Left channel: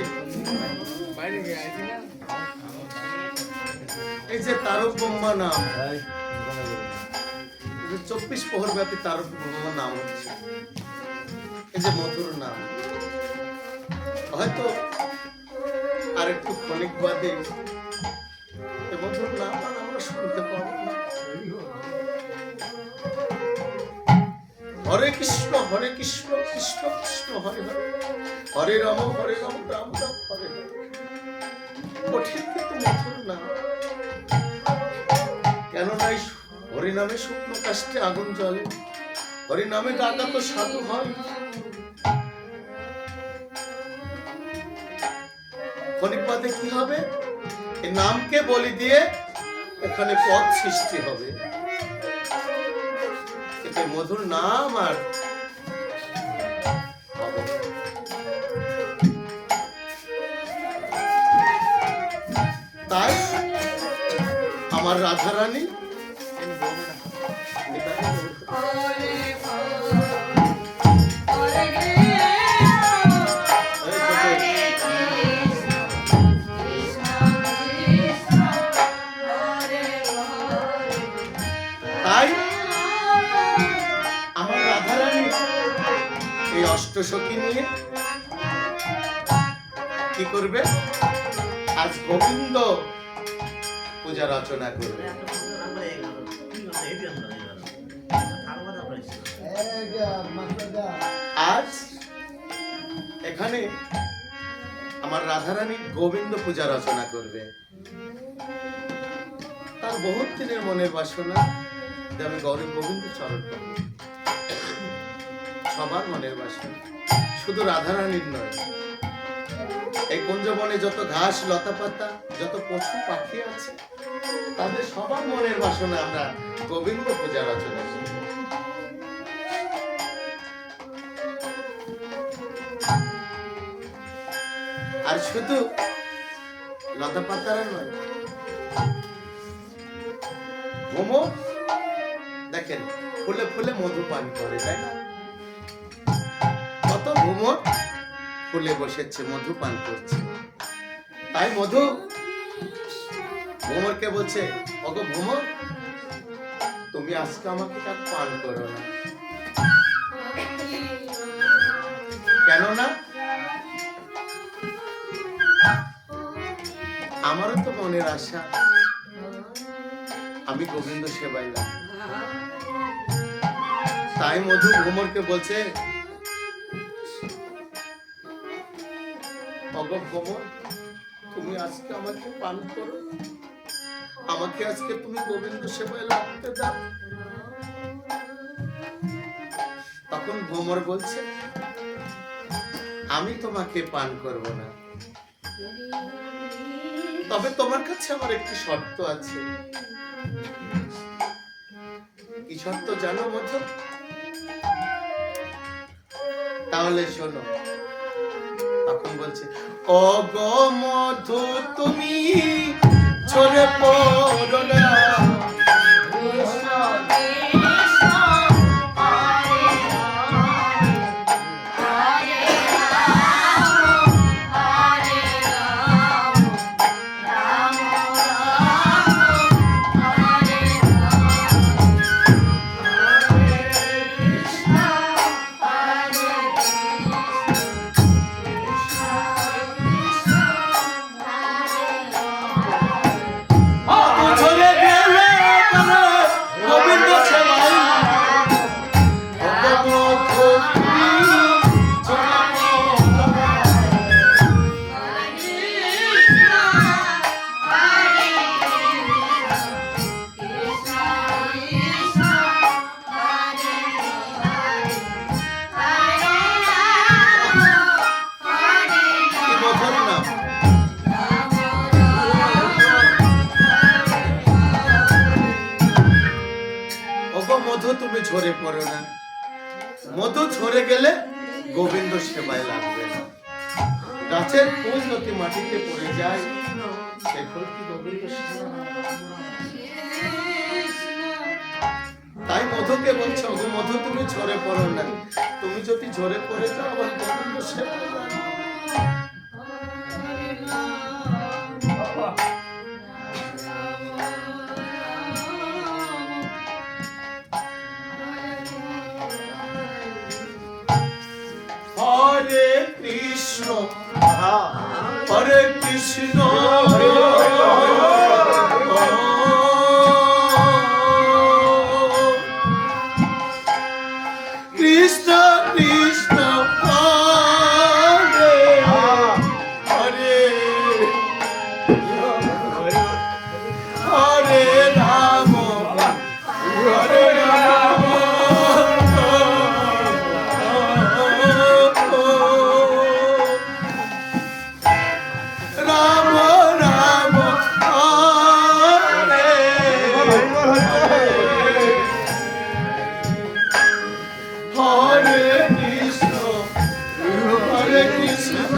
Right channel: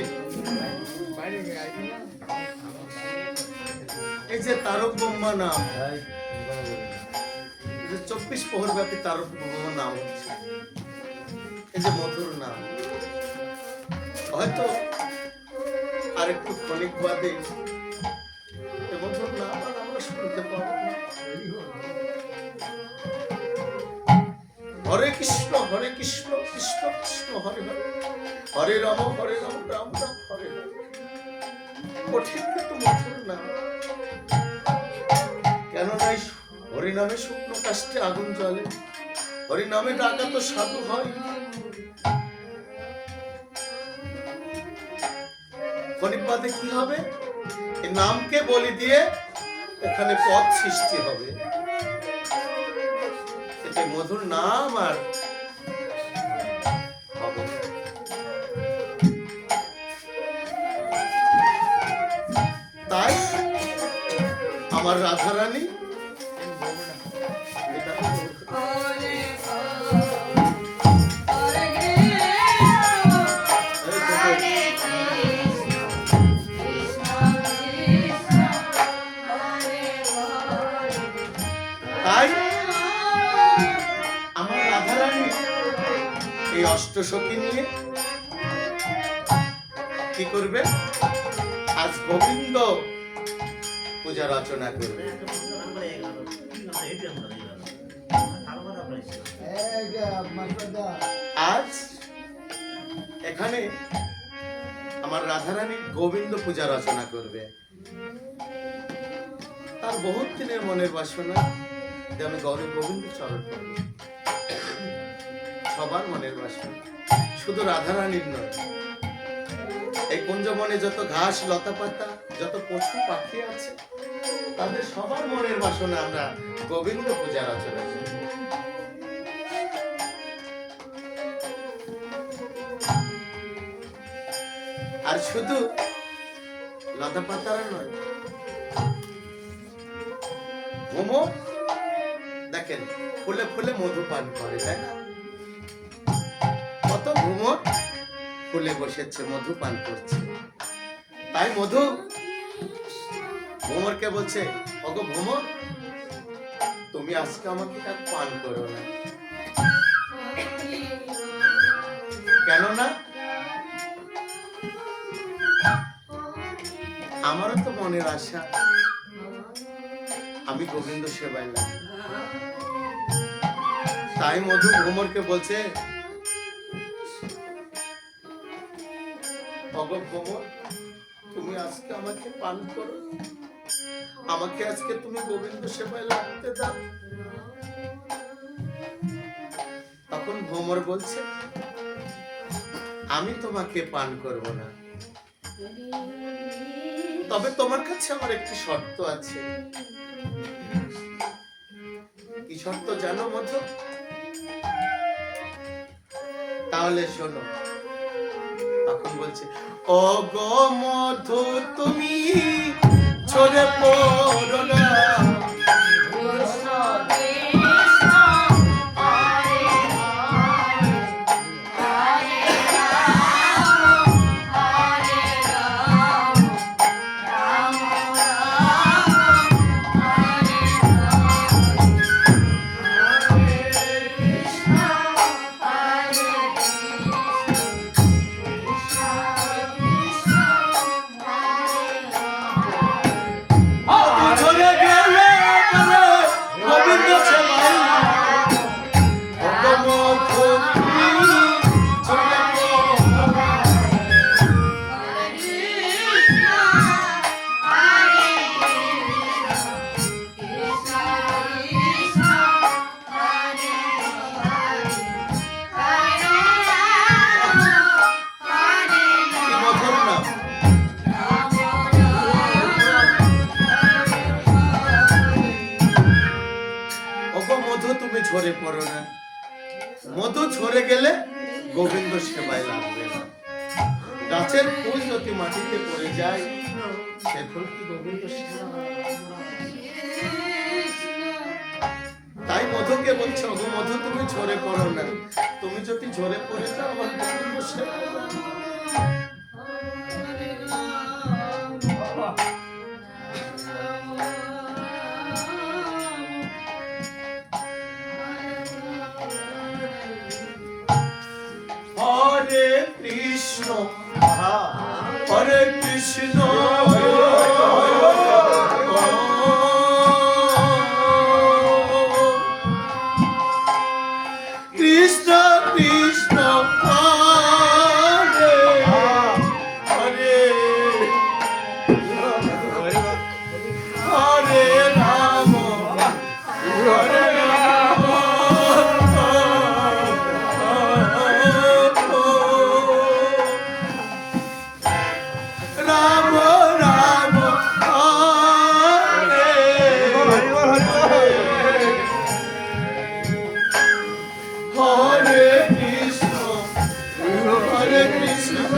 আছে। এই যে তারক ব্রহ্মা নাম, 24 প্রহর ব্যাপী তারক ব্রহ্মা নাম হচ্ছে এই যে মধুর নাম। হয়তো আর একটু ক্ষণিক বাদে এই মধুর নাম আর আমরা শুনতে পাবো না। হরে কৃষ্ণ কৃষ্ণ কৃষ্ণ হরে হরে, হরে রাম রাম রাম হরে হরে। কঠিন কিন্তু মধুর নাম। কেন নাই হরিনামে শুকনো কাষ্ঠে আগুন জ্বলে, হরিনামে ডাকা তো সাধু হয়। ক্ষণিক বাদে কি হবে? এই নামকে বলি দিয়ে এখানে পথ সৃষ্টি হবে। কিন্তু মধুর নাম আর হবে না। তাই আমার রাধারানী এই অষ্টসখী নিয়ে কি করবে? আজ গোবিন্দ পূজা রচনা করবে। আজ এখানে আমার রাধারানী গোবিন্দ পূজা রচনা করবে। তার বহুত দিনের মনের বাসনা যে আমি গৌরী গোবিন্দ চরণ পাবো। সবার মনের বাসনা, শুধু রাধারানীর নয়। এই কুঞ্জবনে যত ঘাস লতা পাতা, যত পশু পাখি আছে, তাদের সবার মনের বাসনা আমরা গোবিন্দ পূজা রচনা করি। আর শুধু লতা পাতারা নয়, ভ্রমর দেখেন ফুলে ফুলে মধু পান করে, তাই না? কত ভ্রমর ফুলে বসেছে, মধু পান করছে। তাই মধু ভ্রমরকে বলছে, ওগো ভ্রমর, তুমি আজকে আমাকে আর পান করো না। কেন না? আমারও তো মনের আশা আমি গোবিন্দ সেবায় লাগবো। তাই মধু ভ্রমরকে বলছে, ওগো ভ্রমর, তুমি আজকে আমাকে পান করো, আমাকে আজকে তুমি গোবিন্দ সেবায় লাগতে দাও। তখন ভ্রমর বলছে, আমি তোমাকে পান করব না, তবে তোমার কাছে আমার একটি শর্ত আছে। কি শর্ত জানো মধু? তাহলে শোনো। তখন বলছে, ওগো মধু, তুমি ছড়ে পড়ো না, তুমি ঝরে পড়ো না। মধু ঝরে গেলে গোবিন্দ সেবায় লাগবে না। গাছের ফুল যদি মাটিতে পড়ে যায়, সে ফুল কি গোবিন্দ সেবা? তাই মধুকে বলছে, ওগো মধু, তুমি ঝরে পড়ো না, তুমি যদি ঝরে পড়ে যাও আবার গোবিন্দ সেবায় লাগবে। কৃষ্ণ হরে কৃষ্ণ কৃষ্ণ কৃষ্ণ হরে হরে হরে রাম হরে রাম রাম রাম হরে হরে কৃষ্ণ হরে কৃষ্ণ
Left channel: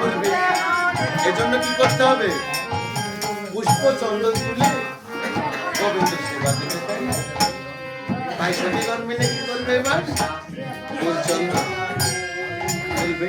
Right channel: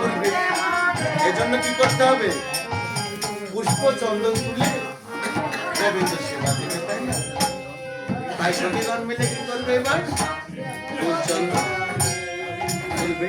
করবে, এজন্য কি করতে হবে? পুষ্প চন্দন তুলে গোবিন্দ সেবা দিবে, তাই না? তাই সখীগণ মিলে কি করবে? এবার ফুল চন্দন তুলবে।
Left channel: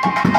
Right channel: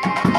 কৃষ্ণ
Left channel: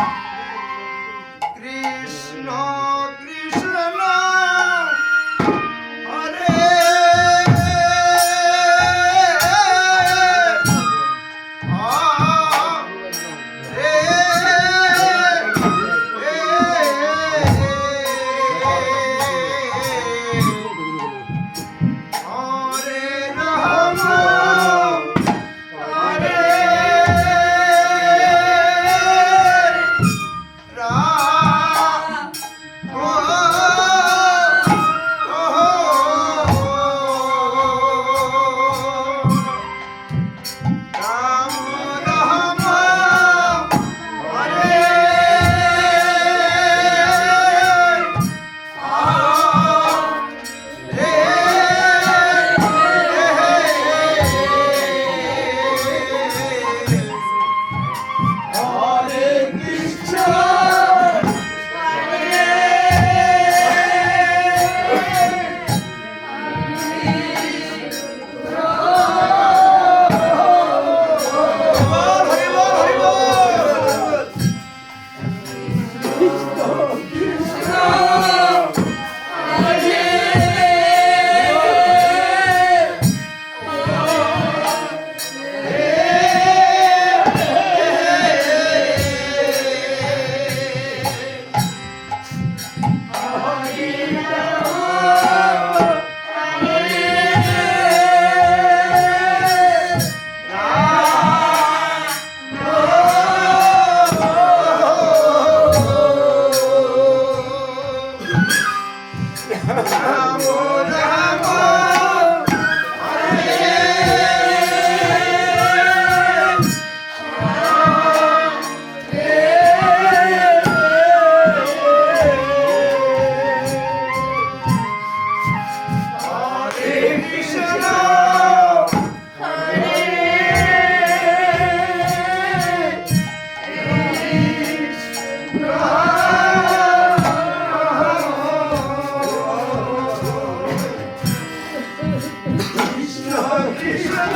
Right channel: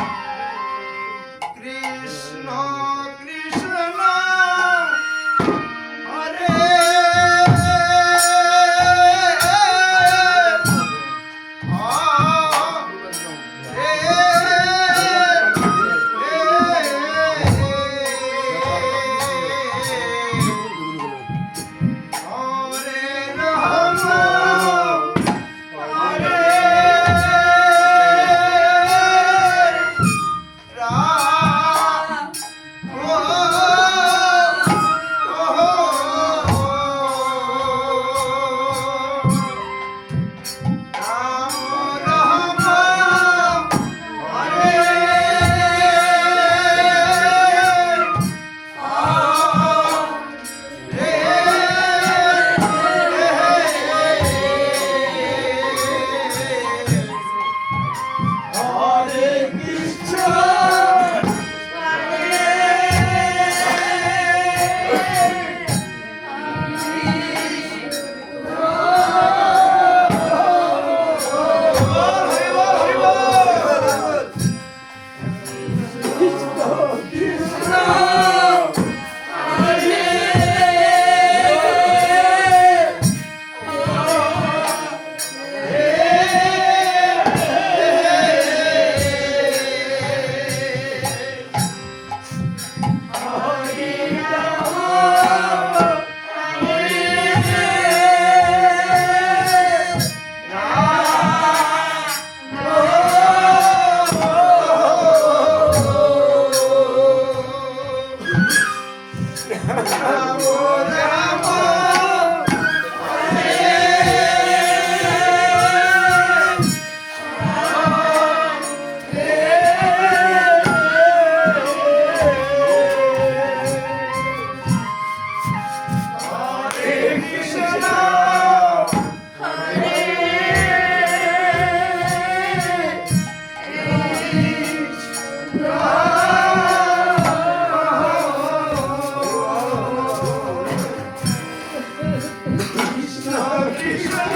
কৃষ্ণ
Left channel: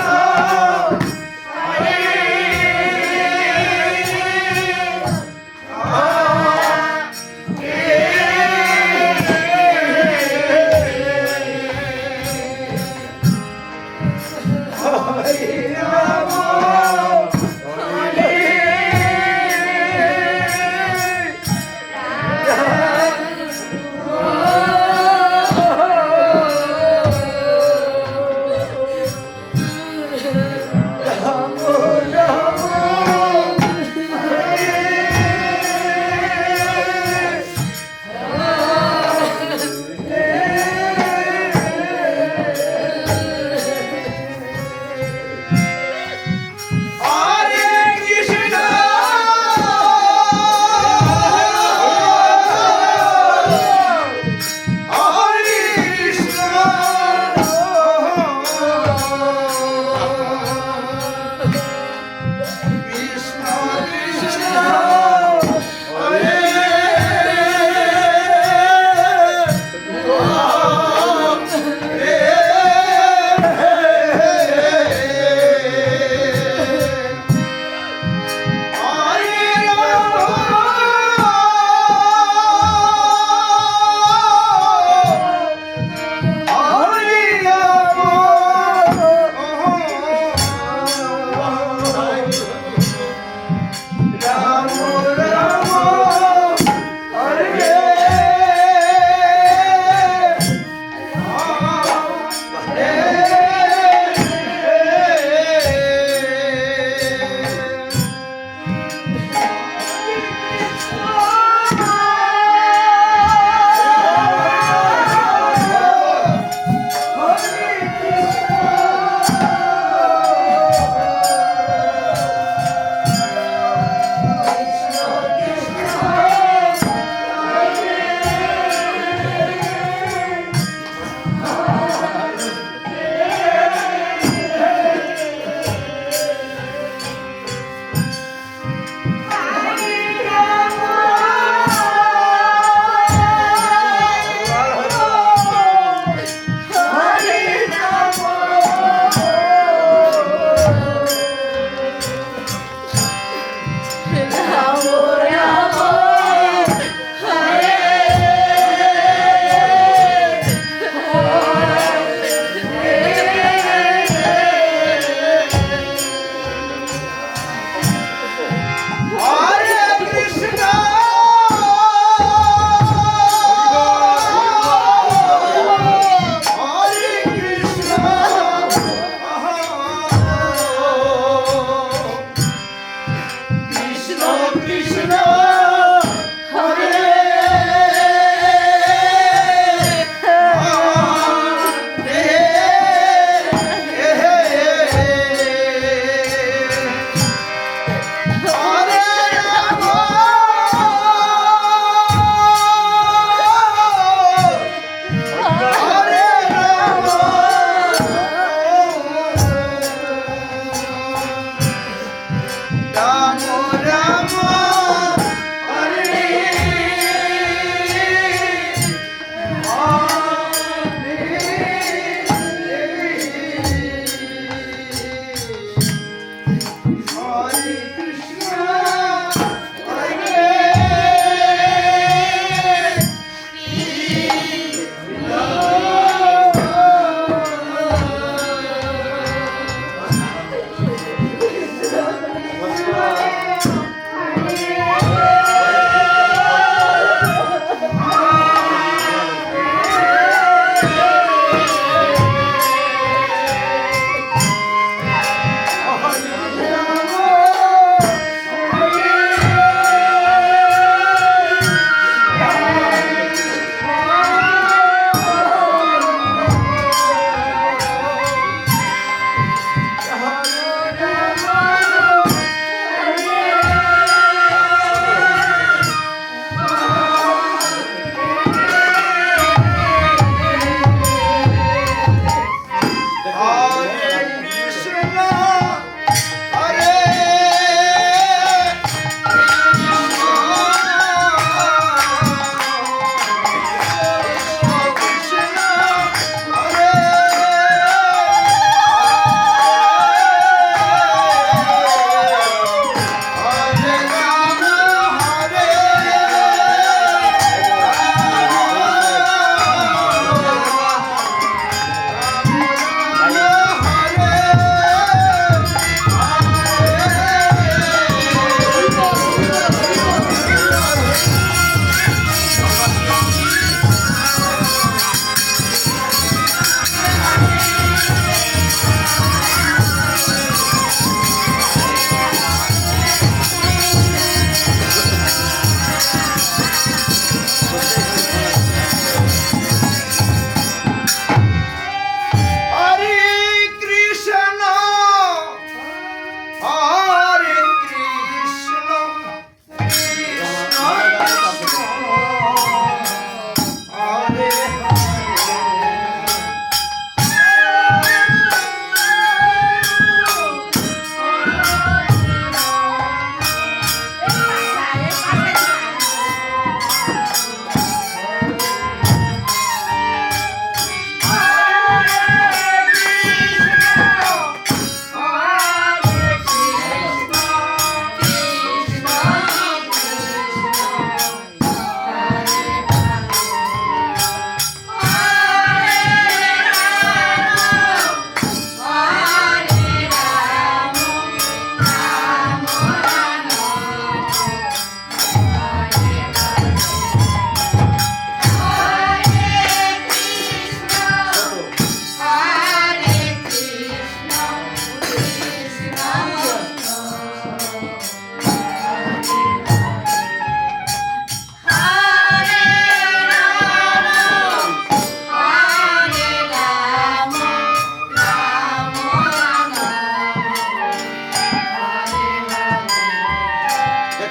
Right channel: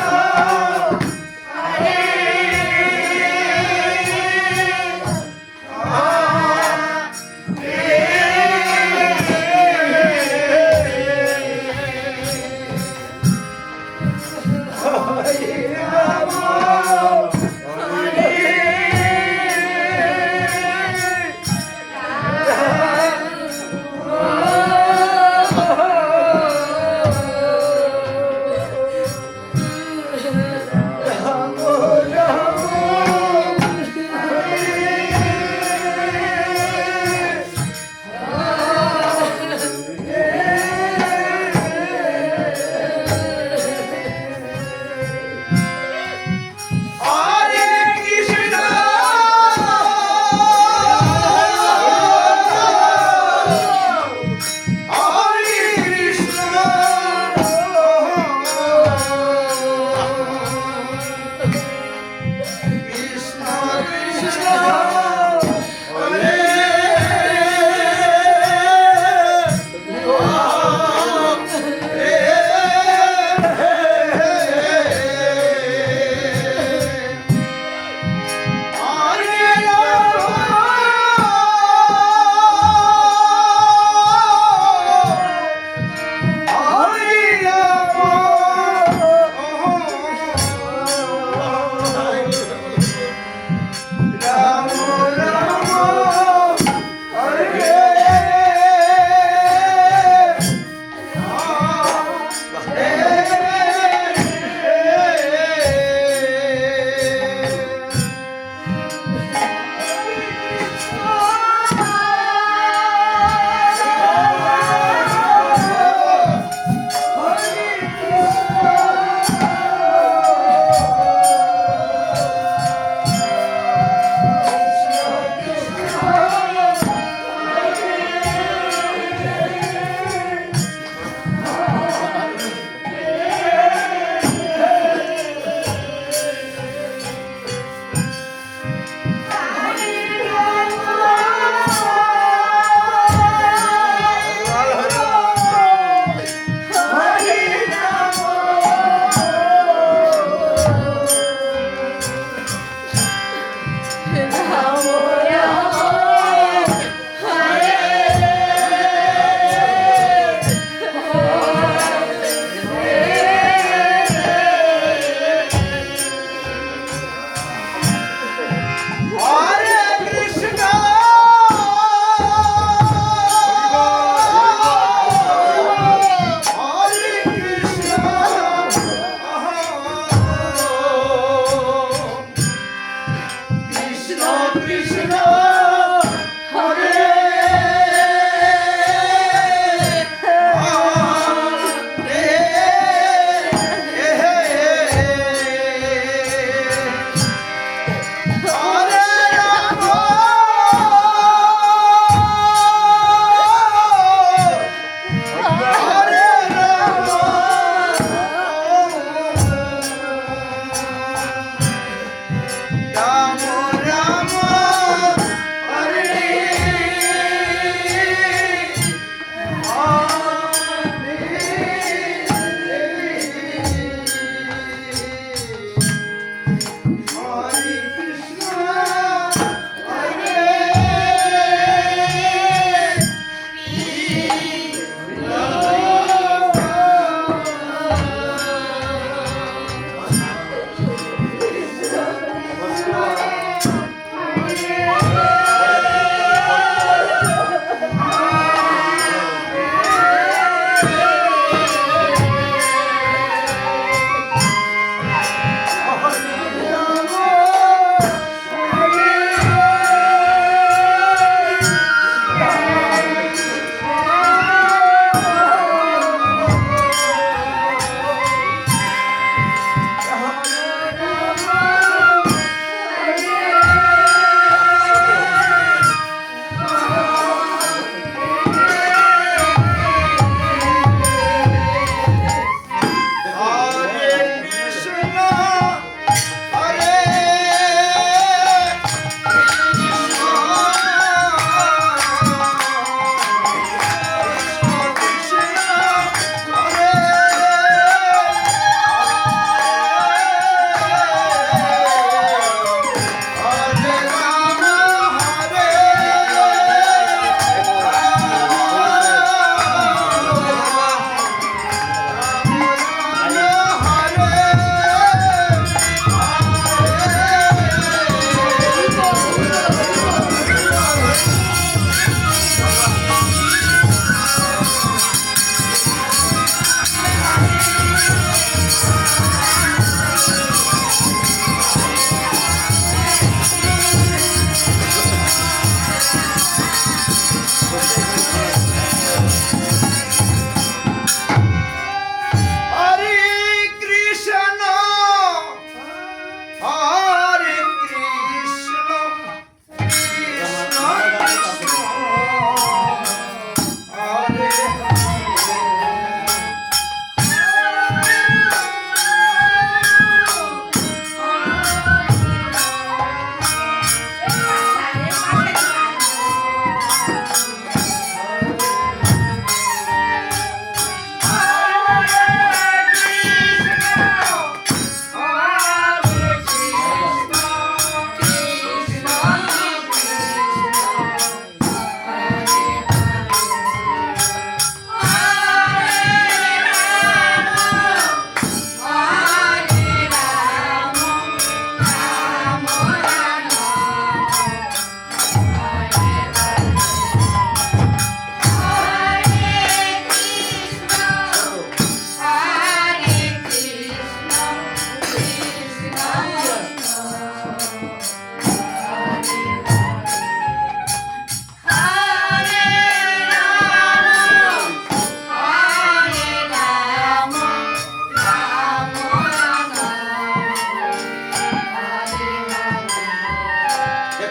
হরে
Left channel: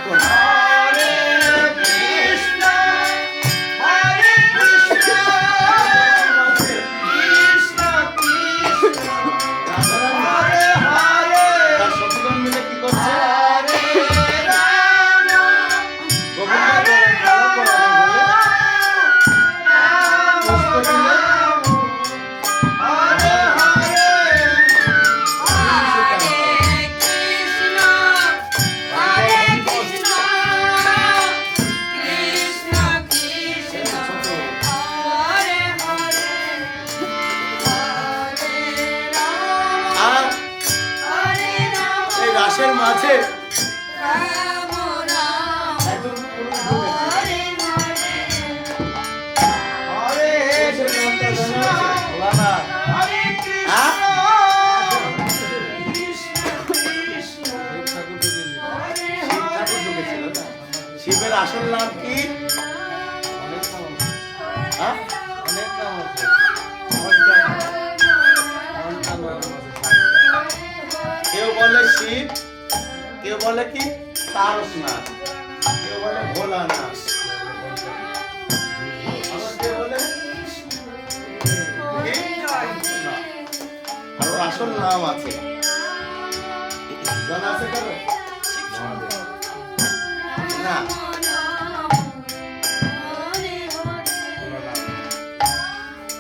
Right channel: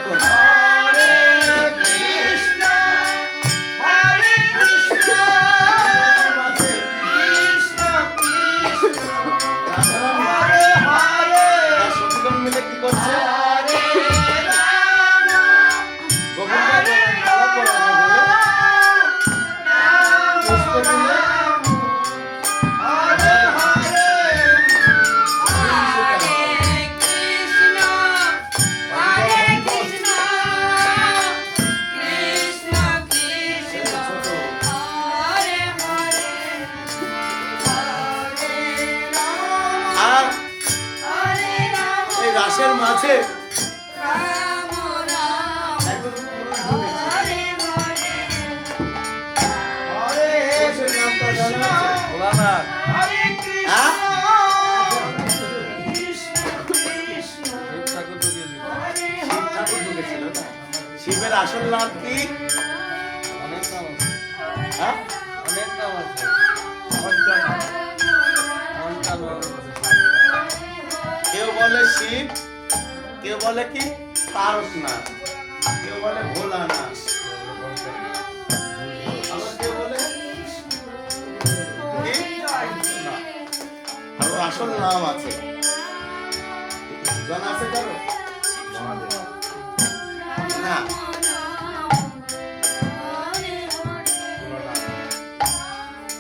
তখন হরে কৃষ্ণ কৃষ্ণ কৃষ্ণ হরে হরে তার সখীগণ মিলে কি করছে? হরে রাম গোবিন্দ খেলা পড়াবে বলে পুষ্প তুলে হরে হরে ছোট আর এই রাসের মাঝে একজন পুরুষ ঢুকেছে। হরে পুরুষের নামটা জানা আছে? ভোলানাথ। হরে কৃষ্ণ হ্যাঁ? শিব ঠাকুর ঢুকেছিল না? শিবের আসল নাম কি? হ্যাঁ? কেউ বলে শিব, কেউ বলে কি তারকনাথ, কেউ বলে ভোলানাথ, আবার কেউ বলে কি? আর ওর আসল নাম আছে, জানা আছে কারো? না,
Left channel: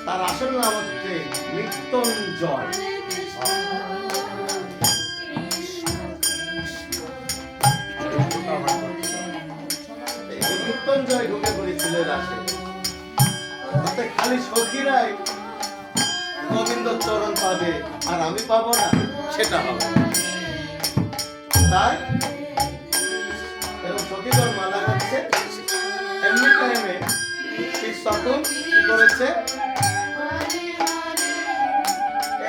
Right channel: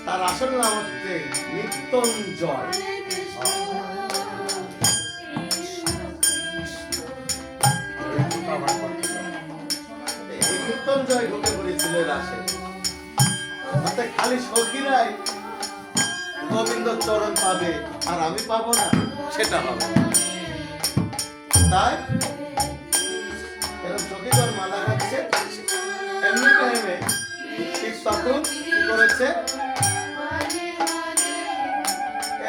তার আসল নাম হচ্ছে মৃত্যুঞ্জয়। এই যে মৃত্যুঞ্জয় ঢুকে পড়েছিল এই রাসে, তাতে খালি সখীরাই গোবিন্দ চরণ পাবে আর আমি পাবো না, সেটা হবে না। তাই এরকম সখীগণ মালা খাচ্ছে, এমনি টাইমে ঠিক তখন কি করেছে,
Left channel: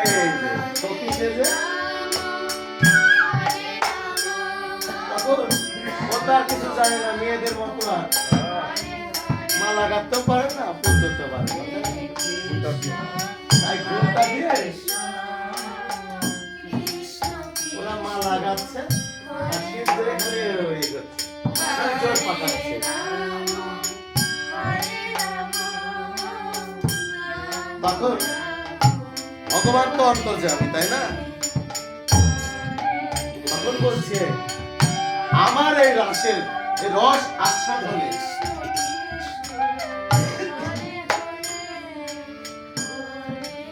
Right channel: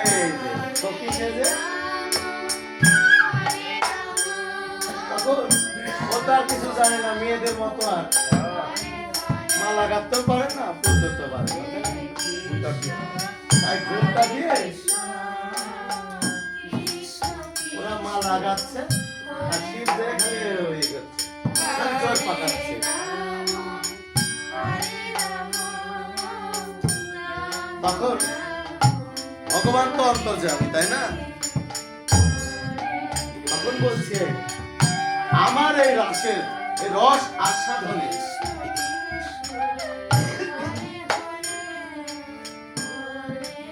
এই যে সখী সেজে তখন ও তো আর কিছু জানে না, মেয়েদের মতো আর মালা গাঁথতেও পারে না, ফুল ধরতে পারে না, তাই ঘুমটা দিয়ে ওরা মালা গাচ্ছে আর শিব ধরে খালি ইয়ে করছে, খালি জোর পাকাচ্ছে। তখন ভগবান তো অন্তর্যামী, তাই না? তখন বলছে আমার এই রসের এই রস আস্বাদনে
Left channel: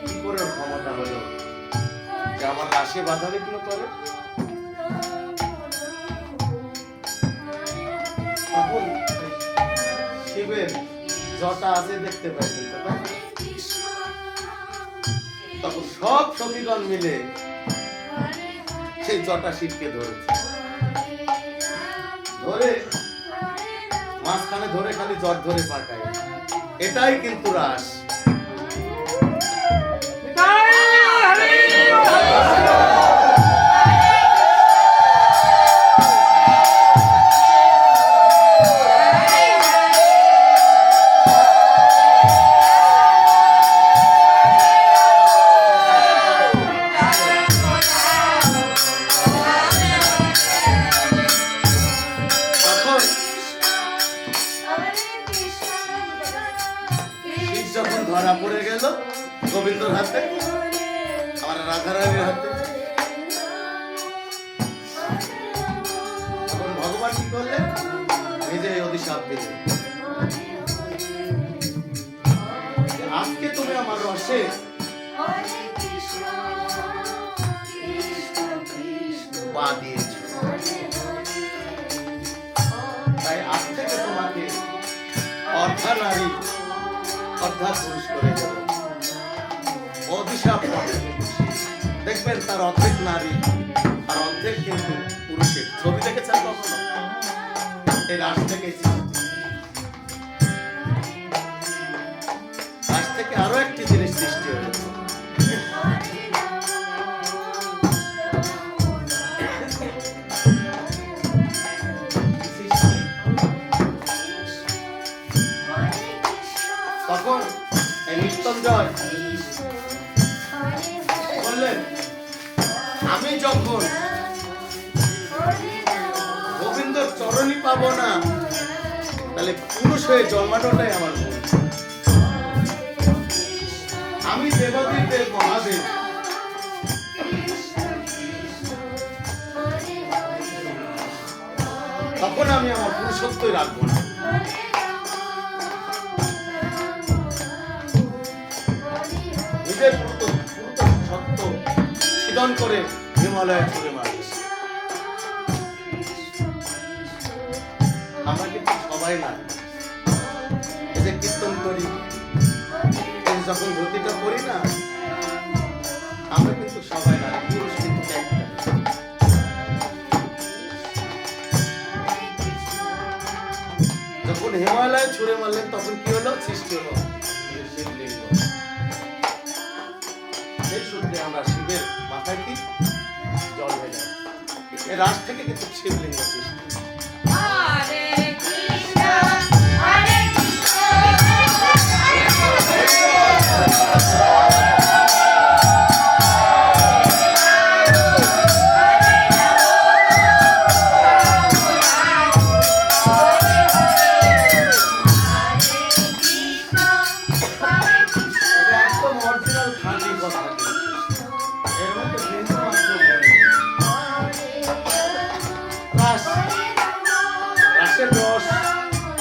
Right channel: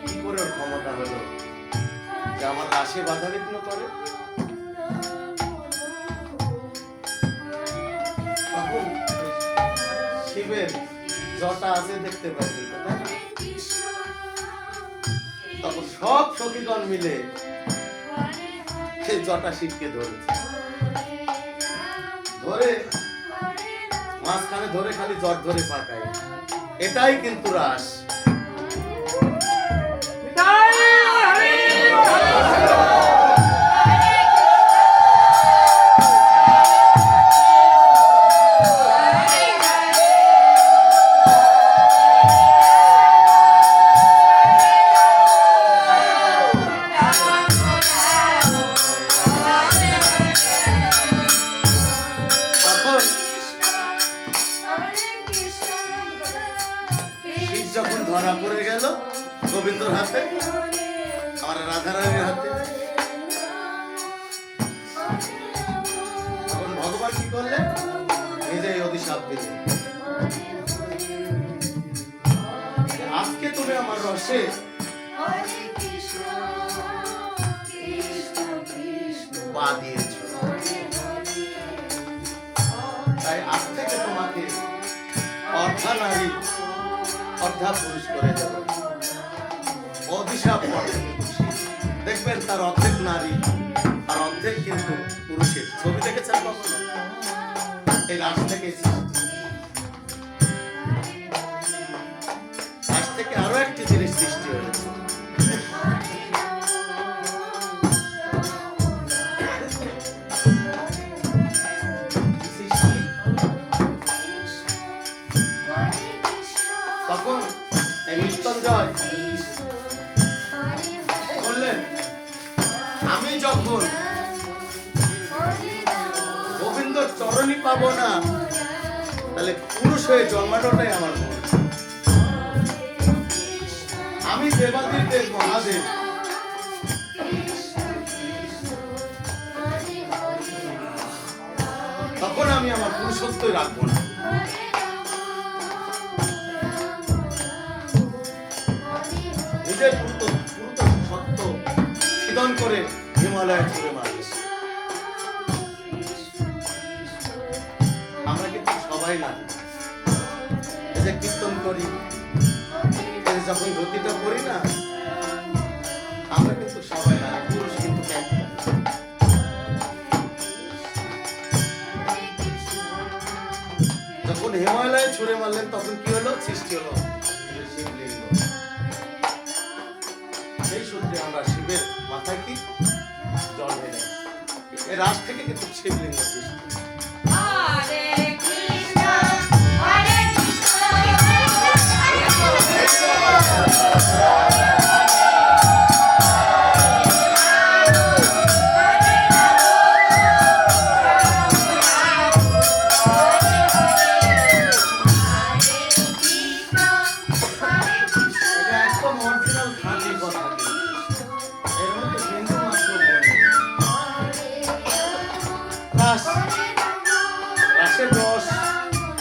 কি করে ওর ক্ষমতা হলো যে আমার রাশে বাধা বিঘ্ন করে? তখন শিবের জটা আছে দেখতে পাইছেন তো, তাই না? তখন সব সখীগণ মিলে সেই জটা শিবকে ধরেছে, ধরে মাঝখানে ধরে খালি জট ধরে পাকায়। এটাই কিন্তু রাস। তখন শিব যখন ধরা পড়ে গেল গোবিন্দর হাতে, আমার রাধারানীর হাতে, তখন ভগবান কি করলেন? নিজে অভিশাপ দিলেন, যে আজকে তুমি আমার রসে পা দিয়েছ, তাই আজ থেকে তোমাকে অর্ধা নারী অর্ধা পুরুষ করে দেব। অভিশাপ পড়ে দেখবেন তার অর্ধেক নারী আর অর্ধেক কিন্তু পুরুষের ছবি দেখেছেন কখনো? এই রাস থেকে রাস থেকে আরো একটি জিনিস সৃষ্টি হয়েছে। তখন এই মৃত্যুঞ্জয় বললেন, আমি যখন গোবিন্দর চরণী পাবো না, তাহলে পুরুষ হয়ে জন্মানোটাই আমার ভুল। আমি দেবাদির দেব, মহাদেব। তখন আমি আমার পুরুষত্বই রাখবো না। নিজের পুরুত সত্য ছিদন করে হিমালয়ে ছুড়ে মারবে। আমরা কিন্তু সবাই না, এই যে কীর্তন করি, এই যে যখন ধুতিটা করি না, আমরা কিন্তু সবাই না, পুরুষ কিন্তু একটা। যখন হিমালয়ে ছুড়ে মারলেন তখন কি হলো? সৃষ্টি হলো শিবলিঙ্গ। সেই সূত্রে আমরা শিবের মাথায় কি জল ঢেলে, এর রাশ থেকে কিন্তু শিবলিঙ্গ সৃষ্টি।